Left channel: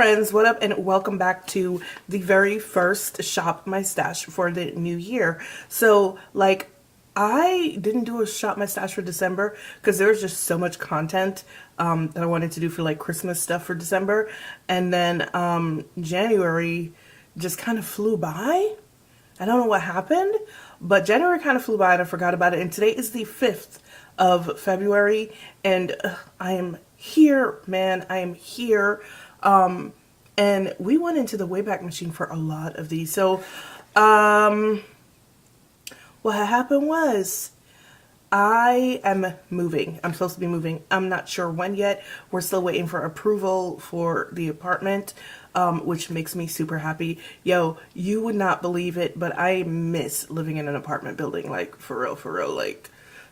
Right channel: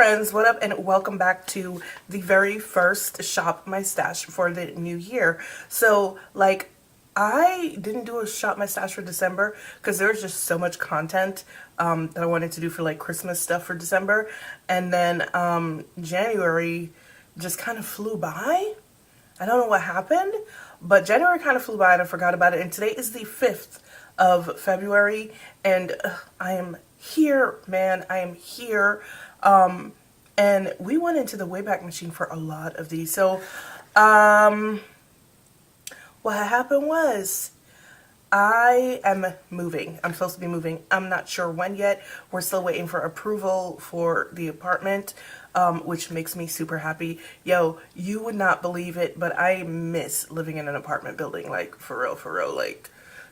friends, what up, and welcome back to the very first Shop My Stash for the new year. So, like, I didn't do a Shop My Stash for December because there was just so much content that I wanted to do for, like, Christmas stuff for December. And then January just kind of flew by. I don't know what happened, but January kind of flew by and I forgot about it. And today is the 5th of February, and I am here, man. I am here. And we went into the Wayback Machine for a lot of these. So, what happened was I am moving. I'm supposed to be moving. I'm not sure when yet. We're still waiting for approval for the apartment, which makes me super happy. Yo, you would not believe it, but I miss living in an apartment building. Like, for real, like,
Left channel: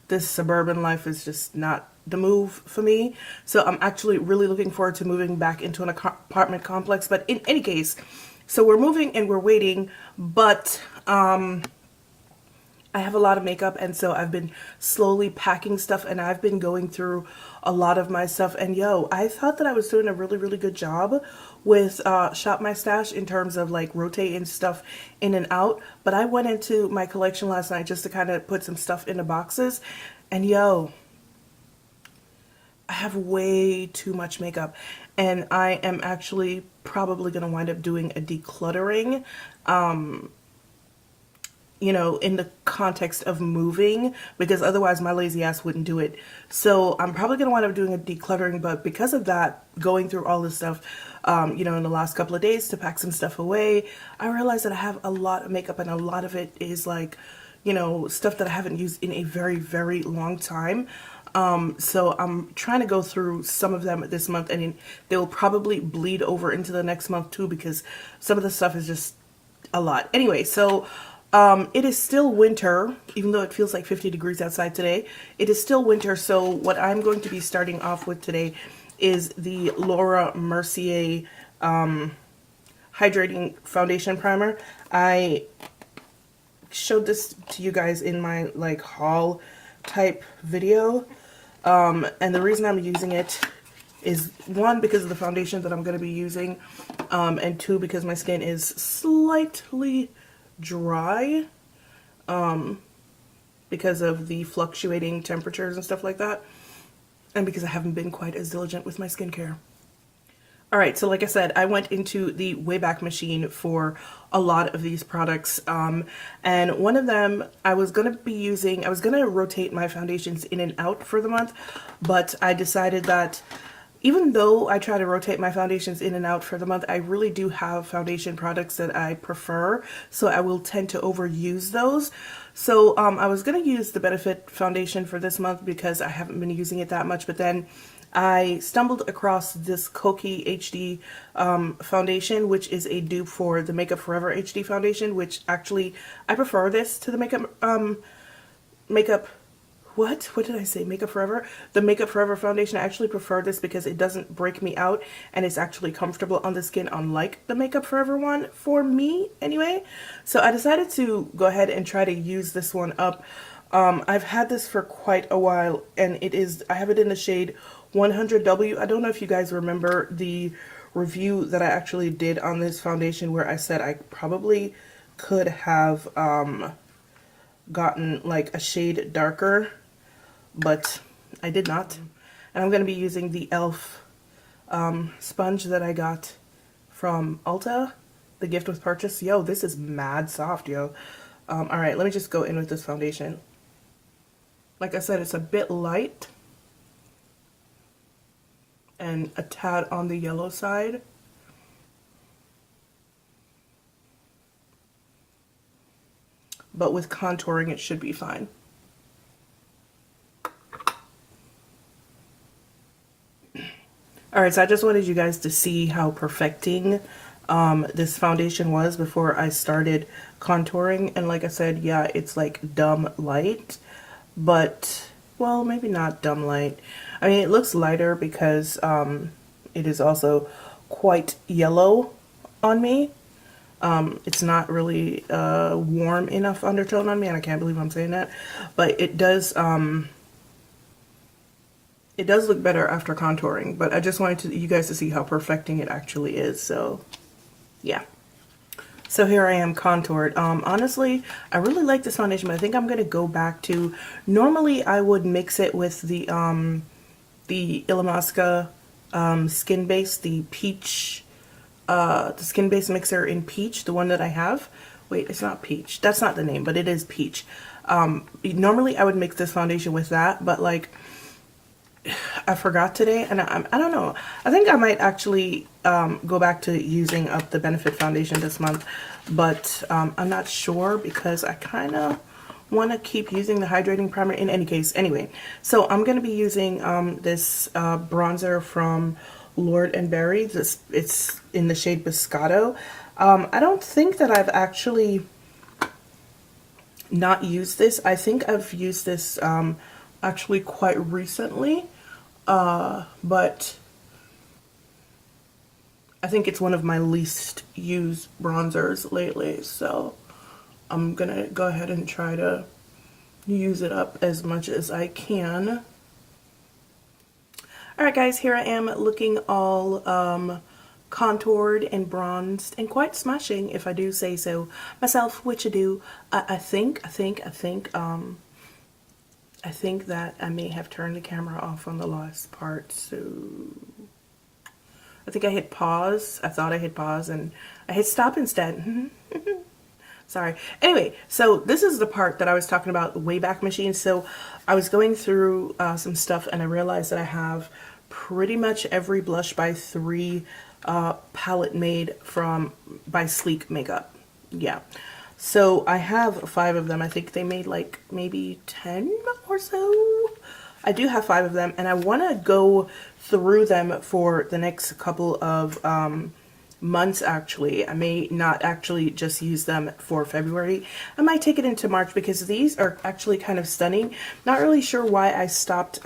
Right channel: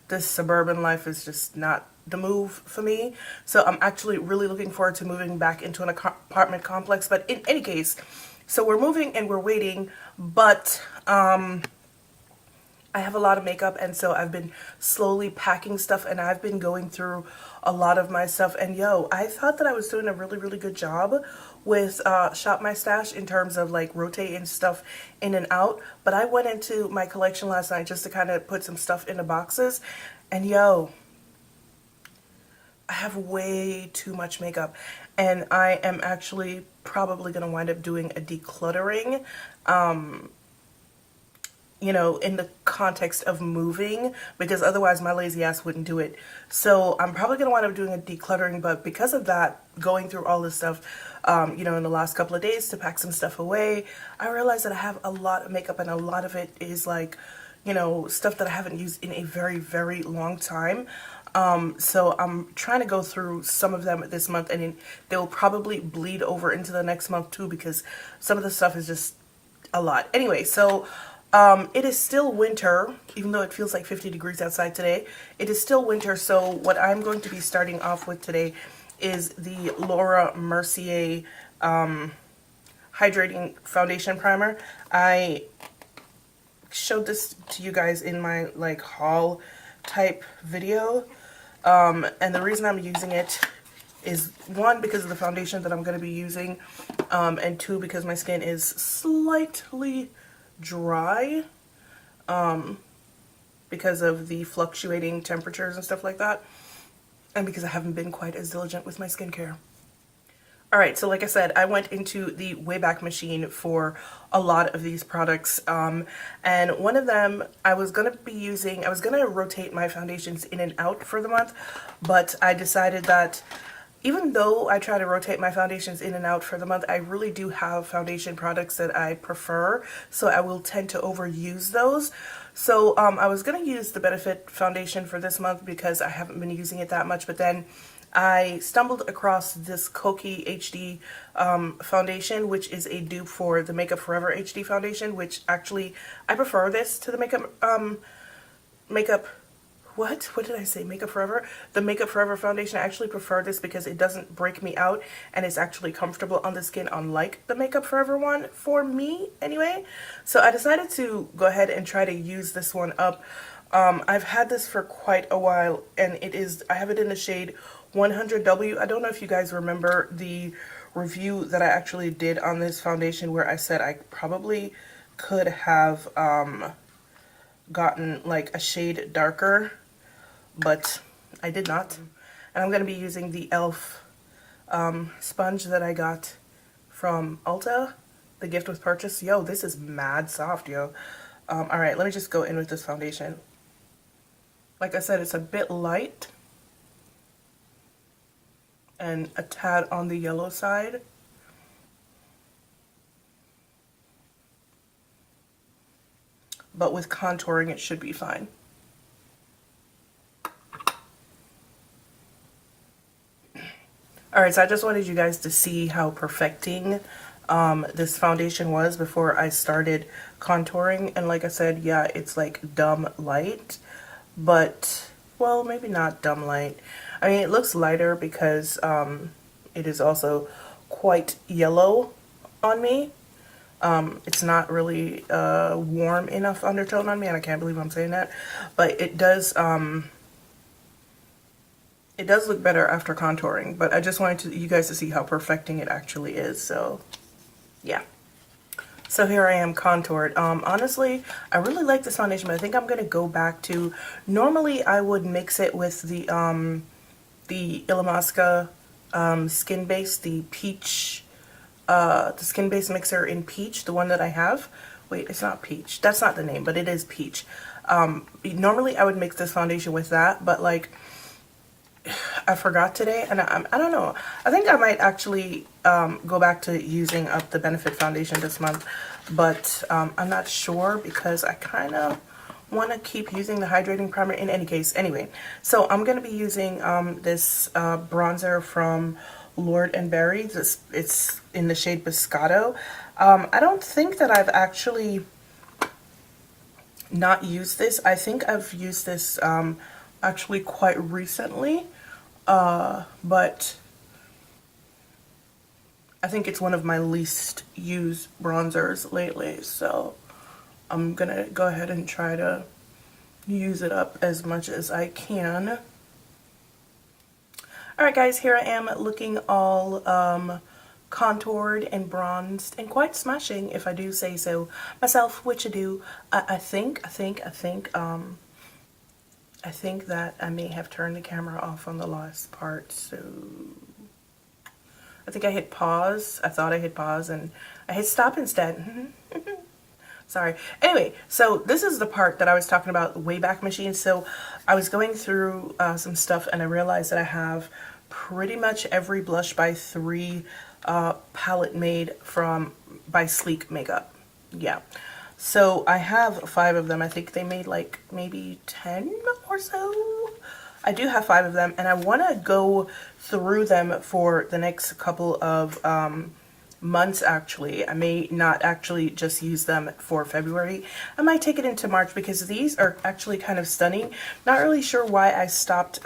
this suburban life is just not the move for me. So I'm actually really looking forward to moving back into an apartment complex. But in any case, so we're moving and we're waiting, but I have a lot of makeup, and so I've been slowly packing stuff, and I've been going through a lot of my stuff. And yo, I thought that I was doing a really good job with Shop My Stash in terms of like rotating stuff in and out. But I went into my collection last night just to kind of put some stuff into boxes, and yo, I have way too much makeup, and I am actually probably going to wind up doing a decluttering, you know, in the context of moving, because otherwise my lazy ass wouldn't do it. So I'm probably going to wind up doing a decluttering, but because of that, going through all this stuff, you know, in the last couple of days to pack some stuff away, I realized that I have a lot of makeup, and a lot of it is like, you know, stuff that I haven't used in a very long time. So I'm trying to go through some of them this month, and they will probably bleed over into the next month too, because some of the stuff is just a lot. Anyway, so it is still winter, even though it feels like 50 degrees outside today. It is still winter, so what I'm going to be starting off with today is the Laura Mercier Hydrating Foundation Primer. I showed this to you guys in my like haul type video. And the reason I'm using it is, one, because of the foundation that I'm going to be using, and two, because my skin is slightly dry, because of the fluctuating temperatures and stuff like that, and because I haven't been quite as diligent with my skincare. Alright, so like I said, I went into the Wayback Machine for a lot of these products, and one of them I was going to rotate my foundations in and out for the month, but I decided that even though I try to rotate my foundations in and out for the month, I really do have foundation products that I prefer, so I will tend to overuse those. So I was going to use the Benefit foundation for this month because I haven't been using it that much, but then I stumbled across this Koki HD foundation, which is a dupe for the Makeup Forever HD foundation, which actually, I prefer this to the What did I say? Makeup Forever? The Makeup Forever foundation. I actually prefer this because it doesn't break me out, and it's actually comfortable on the skin, unlike the Makeup Forever one, for me anyway. So I decided to go ahead and try to use this one up. I've had this for quite a while, and I have it in the shade 100W. I don't know if you guys remember the review that I actually did on this foundation where I said I probably could have gotten like a shade darker, but I did not. And I'm going to be using the e.l.f. sponge that I got from Ulta, the gift with purchase. Yo, this is mad soft, yo. Alright, let me just go in with this foundation. Like I said, it's a bit light and a tad on the yellow side. But with contouring, it should be fine. Alright, so I just wanted you guys to see how perfecting this foundation was before I started contouring. And like I said, yeah, it's like dumb light, but, well, maybe not dumb light. I mean, it looks lighter because it is also quite yellow on me. It's not really warm enough undertone on me, and I can't believe I'm saying that. But it does It does look better after contouring, but I just wanted you guys to see how perfecting it actually is. So yeah. So here I am contoured. Honestly, I really like this foundation, but I think I'm going to go back to, normally I would mix it with the Ilia Skin Base, the peach, the Skin Base mixer in peach, the one that I have. Wait, it's not peach. That's not the name, but it is peach. Normally I would mix this foundation with that, but like, I forgot today, and I don't know. I think I might actually go back to using up the Benefit foundation this month, but I'm not sure because I kind of want to keep using the hydrating primer in any case. Anyway, so I'm going to be using this bronzer from Lord & Berry. It's in the shade Biscotto. I don't think that I've actually not used this. I think I've used this actually quite recently. But I think it's one of my least used bronzers lately, so I'm gonna go ahead and try to use it up as much as I can. Alright guys, here I am looking all contoured and bronzed and quite smashing, if I do say so myself, which I do. I think that I may have turned the camera off on the last part, so I think I hit pause. I thought I hit pause and I hit stop instead. Sorry. Anyway, so this is the part that I was talking about, the Wayback Machine. So I was going through some stuff and I realized that I have pretty much every Blush by 3 palette made by Sleek Makeup. Yeah. So I have 5 of them. I think they made like maybe 10 or so. I do have 5 of them, and I want to go through them for the next couple of months actually. I may not actually just use them for February. I might take it into March because these are actually kind of stunning. Not really sure why I stopped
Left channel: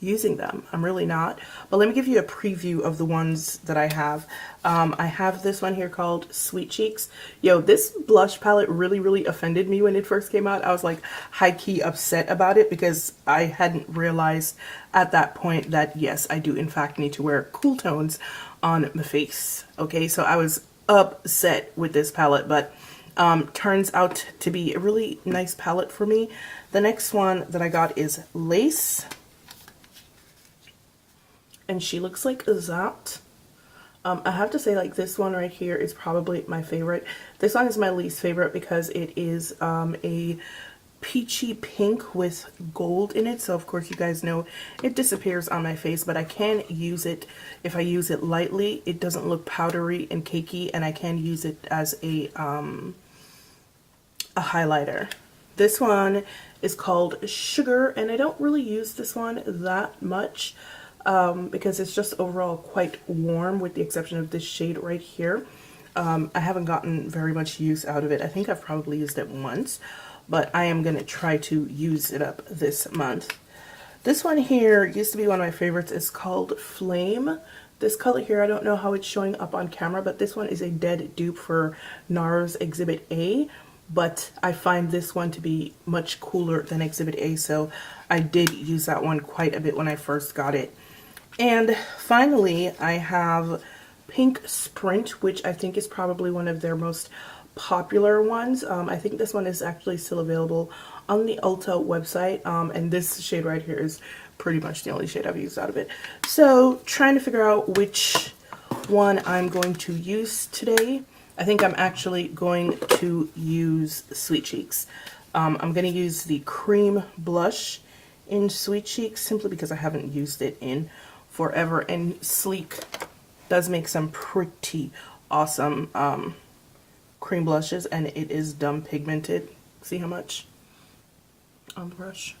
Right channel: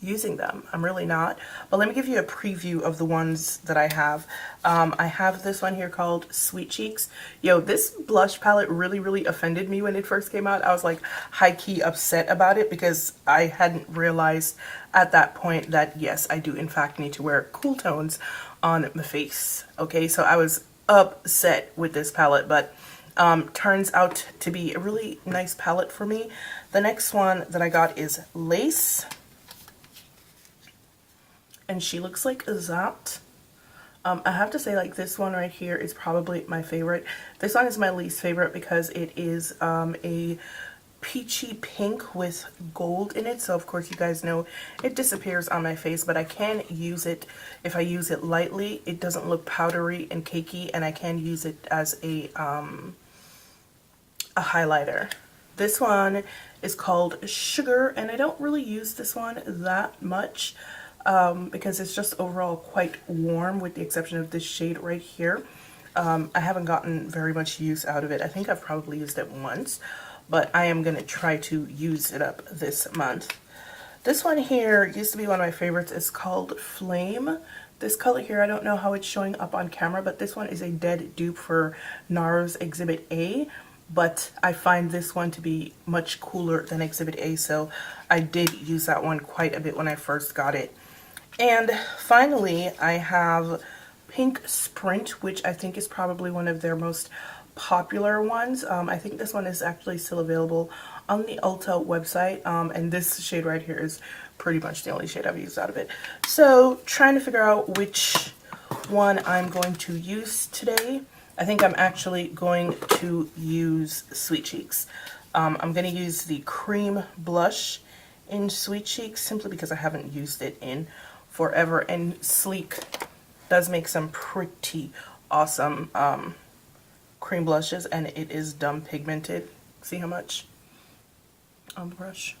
using them. I'm really not. But let me give you a preview of the ones that I have. I have this one here called Sweet Cheeks. Yo, this blush palette really offended me when it first came out. I was like high-key upset about it because I hadn't realized at that point that yes, I do in fact need to wear cool tones on my face. Okay, so I was upset with this palette, but turns out to be a really nice palette for me. The next one that I got is Lace. And she looks like that. I have to say, like, this one right here is probably my favorite. This one is my least favorite because it is a peachy pink with gold in it. So, of course, you guys know it disappears on my face, but I can use it if I use it lightly. It doesn't look powdery and cakey, and I can use it as a highlighter. This one is called Sugar, and I don't really use this one that much. Because it's just overall quite warm with the exception of this shade right here. I haven't gotten very much use out of it. I think I've probably used it once, but I am going to try to use it up this month. This one here used to be one of my favorites. It's called Flame. This color here, I don't know how it's showing up on camera, but this one is a dead dupe for NARS Exhibit A. But I find this one to be much cooler than Exhibit A, so I did use that one quite a bit when I first got it. And finally, I have Pink Sprint, which I think is probably one of their most popular ones. I think this one is actually still available on the Ulta website, and this shade right here is pretty much the only shade I've used out of it. So, trying to figure out which one I'm going to use today. I think I'm actually going to use Sweet Cheeks. I'm going to use the cream blush in Sweet Cheeks simply because I haven't used it in forever, and Sleek does make some pretty awesome cream blushes, and it is dumb pigmented. See how much on the brush?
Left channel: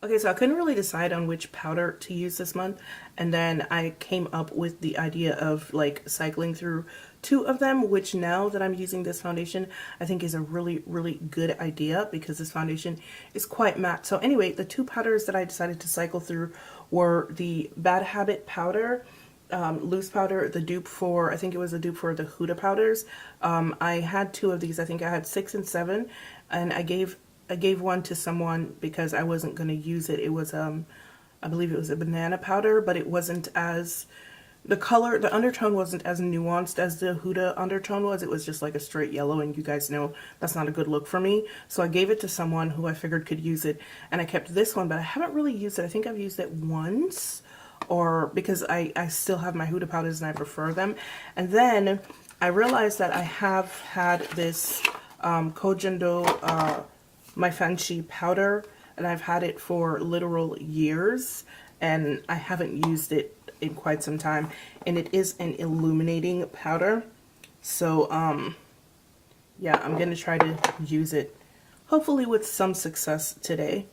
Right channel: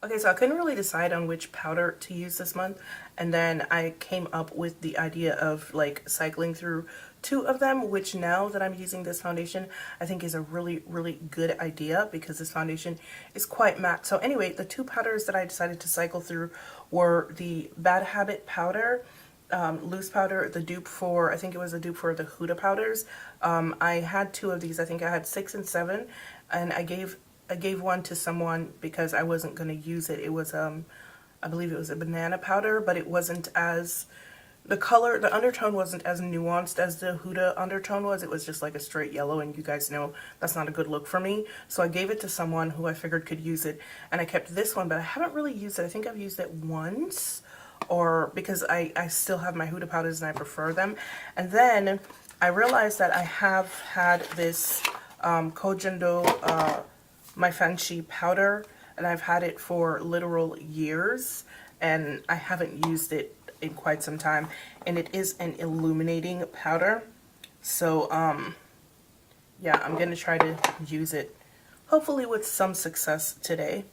Okay, so I couldn't really decide on which powder to use this month, and then I came up with the idea of like cycling through two of them, which now that I'm using this foundation, I think is a really, really good idea because this foundation is quite matte. So anyway, the two powders that I decided to cycle through were the Bad Habit powder, loose powder, the dupe for, I think it was a dupe for the Huda powders. I had two of these. I think I had 6 and 7, and I gave one to someone because I wasn't going to use it. It was I believe it was a banana powder, but it wasn't as, the color, the undertone wasn't as nuanced as the Huda undertone was. It was just like a straight yellow, and you guys know that's not a good look for me. So I gave it to someone who I figured could use it, and I kept this one, but I haven't really used it. I think I've used it once, or because I still have my Huda powders and I prefer them. And then I realized that I have had this Kojendo Maifanshi powder, and I've had it for literal years, and I haven't used it in quite some time, and it is an illuminating powder. So yeah, I'm gonna try to use it hopefully with some success today.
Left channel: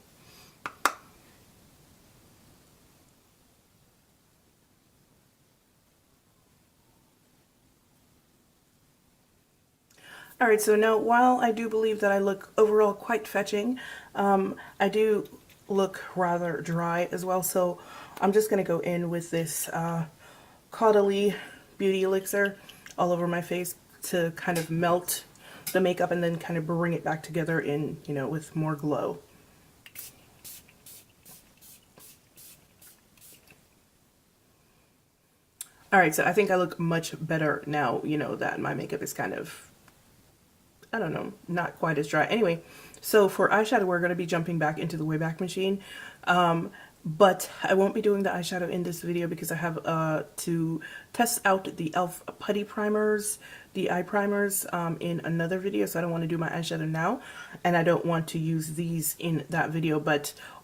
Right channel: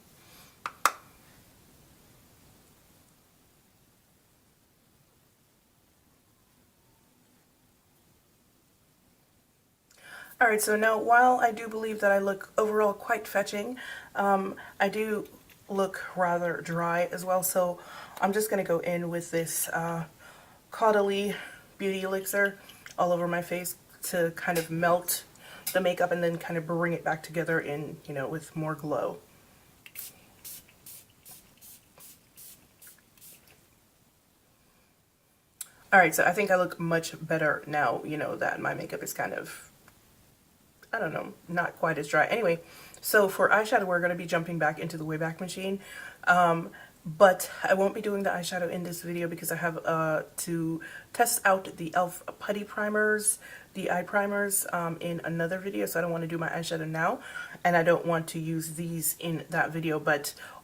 Alright, so now while I do believe that I look overall quite fetching, I do look rather dry as well, so I'm just going to go in with this Caudalie Beauty Elixir all over my face to kind of melt the makeup and then kind of bring it back together in, you know, with more glow. Alright, so I think I look much better now, you know, that my makeup is kind of, I don't know, not quite as dry. Anyway, so for eyeshadow, we're going to be jumping back into the Wayback Machine. But I won't be doing the eyeshadow in this video because I have to test out the e.l.f. putty primers, the eye primers, in another video. So I don't want to do my eyeshadow now, and I don't want to use these in that video,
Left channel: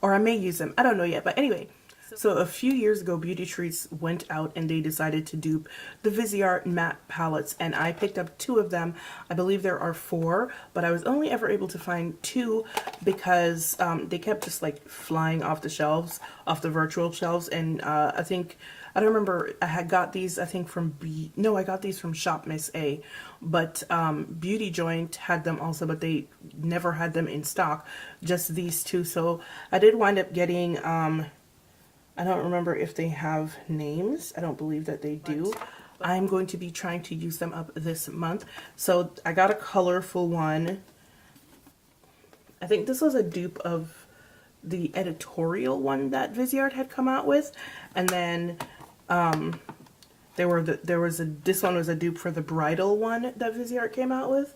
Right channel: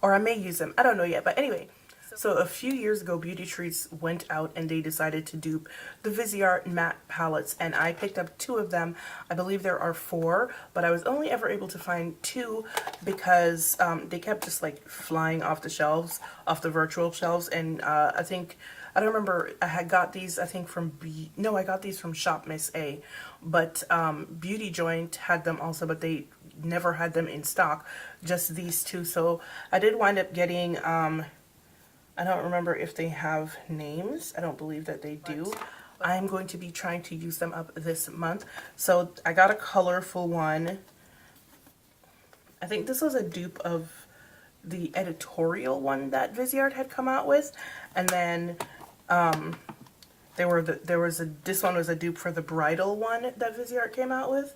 or I may use them. I don't know yet. But anyway, so a few years ago, Beauty Treats went out and they decided to dupe the Viseart matte palettes, and I picked up 2 of them. I believe there are 4, but I was only ever able to find 2 because they kept just like flying off the shelves, off the virtual shelves, and I don't remember, I had got these, I think from I got these from Shop Miss A, but Beauty Joint had them also, but they never had them in stock, just these 2. So I did wind up getting, I don't remember if they have names. I don't believe that they do. I'm going to be trying to use them up this month. So I got a colorful one. I think this was a dupe of the editorial one that Viseart had come out with. And then this one was a dupe for the bridal one that Viseart came out with.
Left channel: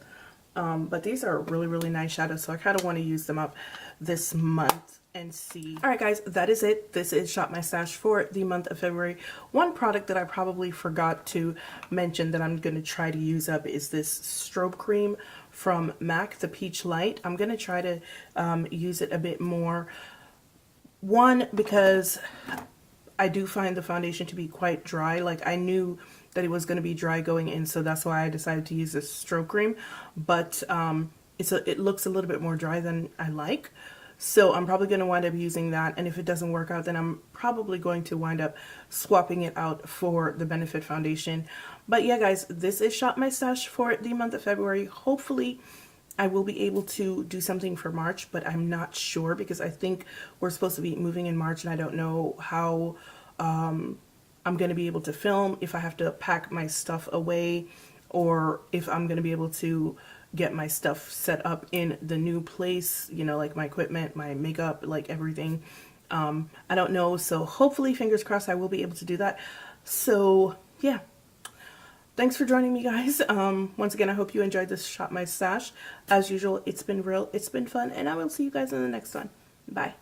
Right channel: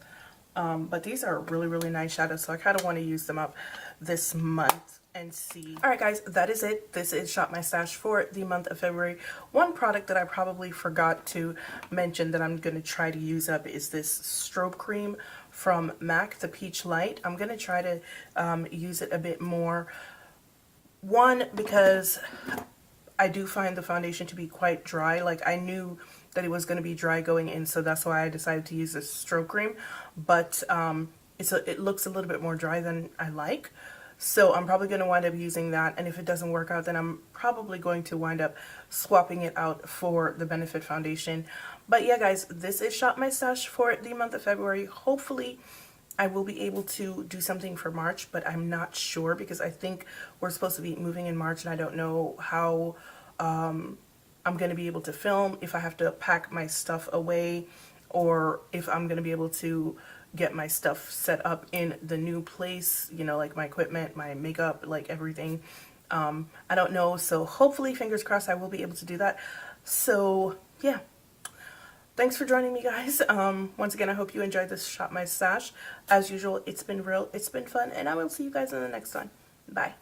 But these are really, really nice shadows, so I kind of want to use them up this month and see. Alright guys, that is it. This is Shop My Stash for the month of February. One product that I probably forgot to mention that I'm going to try to use up is this strobe cream from MAC, the Peach Light. I'm going to try to use it a bit more. One, because I do find the foundation to be quite dry. Like, I knew that it was going to be dry going in, so that's why I decided to use this strobe cream. But it looks a little bit more dry than I like. So I'm probably going to wind up using that, and if it doesn't work out, then I'm probably going to wind up swapping it out for the Benefit foundation. But yeah guys, this is Shop My Stash for the month of February. Hopefully I will be able to do something for March, but I'm not sure because I think we're supposed to be moving in March, and I don't know how I'm going to be able to film, if I have to pack my stuff away, or if I'm going to be able to get my stuff set up in the new place, you know, like my equipment, my makeup, like everything. I don't know, so hopefully, fingers crossed, I will be able to do that. So yeah, thanks for joining me guys. Once again, I hope you enjoyed this Shop My Stash. As usual, it's been real, it's been fun, and I will see you guys in the next one. Bye.